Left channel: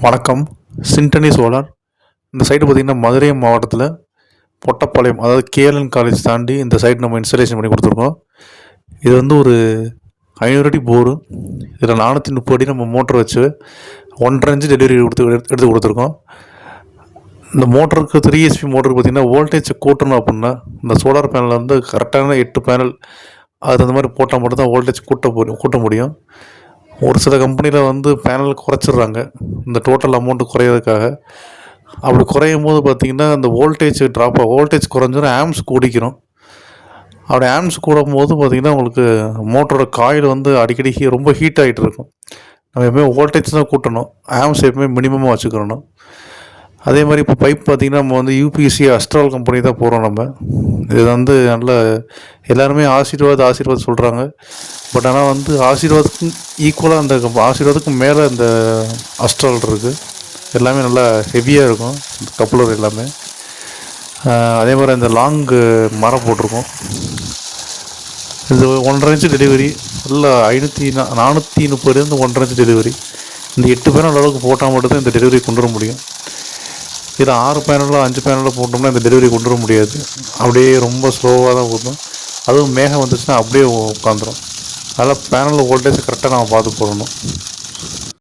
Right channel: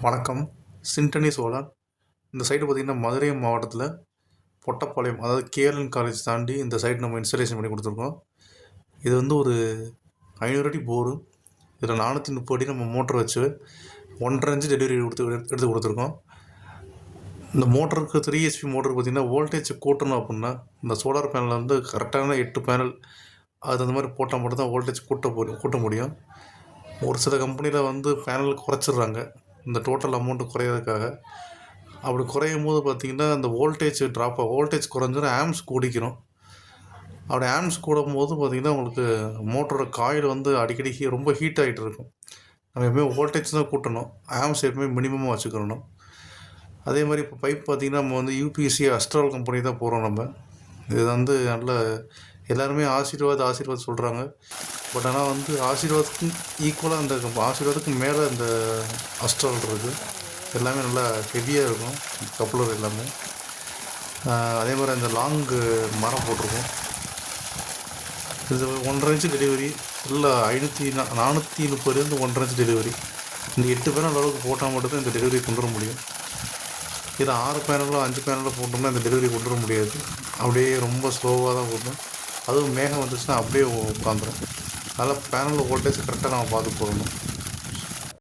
வணக்கம். சிண்டனி சோலார் இந்த சைடு பார்த்திங்கன்னா மதுரை மாவட்டத்தில் பொட்டப்பாளையம் அதாவது கேஎல்என் காலேஜ் தாண்டி இந்த சைடு நம்ம இன்ஸ்டலேஷன் பண்ணி கொடுத்துருக்கோம். இது வந்து ஒரு ஐநூறு அடி போரு. இதில் நானூற்றி முப்பது அடி நம்ம மோட்டர் வச்சு ஒன்றரை இன்ச்சு டெலிவரி கொடுத்து எடுத்து கொடுத்துருக்கோம். இந்த மோட்டருக்கு த்ரீ எஸ்பி மோட்டருக்கு பார்த்திங்கன்னா வோல்டேஜ் கூட்டணும் அப்படின்னா இந்த சோலார் பேனலில் வந்து கரெக்டான எட்டு பேனல் அது அந்த மாதிரி போட்டால் மட்டும்தான் வோல்டேஜ் கூட்ட போ- கூட்ட முடியும். ஒரு சில கம்பெனியில் வந்து பேனல் குறைச்சிடுறாங்க. இந்த டோட்டல் அமௌண்ட்டு குறையிறதுக்காக. அப்படி குறையும் போது பார்த்தீங்கன்னா அந்த வோல்டேஜ் ட்ராப் வோல்டேஜ் குறைஞ்சிடும் ஆம்ஸ் கூடிக்கிறோம் அப்படி ஆம்ஸ் கூடும் போது பார்த்திங்கன்னா உங்களுக்கு மோட்டரோட காயில் வந்து அடிக்கடி ஹீ ரொம்ப ஹீட் ஆகிட்டு இருக்கும். நம்ம எப்பவுமே வோல்டேஜ் தான் கூட்டணும். ஆம்ஸ் எப்பவுமே மினிமமாக வச்சுக்கிறணும் அதே மாதிரி இப்போ பைப் பார்த்திங்கன்னா நம்ம வந்து யூபிஎஸ்சி அஸ்ட்ரால் கம்பெனி தான் போகிறோம் நம்ம. இது வந்து நல்ல எல்லாருமே ஆசீர்வாத் ஆசீர்வாத் சொல்கிறாங்க பட் ஆனால் வந்து ஆசீர்வாதத்துக்கும் ஈக்குவலாக அந்த கம்- ஆசீர்வாதத்துக்கும் மேலே இந்த அஸ்ட்ரால் இருக்குது எல்லாமே நல்லா ஹெவியாக இருக்கும். இந்த கப்புலர் எல்லாமே. அதே மாதிரி அந்த லாங்கு மரம் போட்டிருக்கோம். இது ஒன்றரை இன்ச்சு டெலிவரி நல்லா ஐநூற்றி நா நானூற்றி முப்பதுலேருந்து ஒன்றரை இன்ச்சு டெலிவரி இந்த எட்டு பேரும் அளவுக்கு போட்டால் மட்டும்தான் இந்த டெலிவரி கொண்டு வர முடியும். இது ஆறு பேனலோ அஞ்சு பேனலோ போட்டோம்னா இந்த டெலிவரி கொண்டு வர முடியாது. அப்படியே ரொம்ப ஸ்லோவாக தான் போட்டோம். அதுவும் மேகம் வந்துச்சுன்னா அப்படியே உட்காந்துரும். அதனால் பேனலில் வோல்டேஜ் கரெக்டாக நம்ம பார்த்து போடணும்.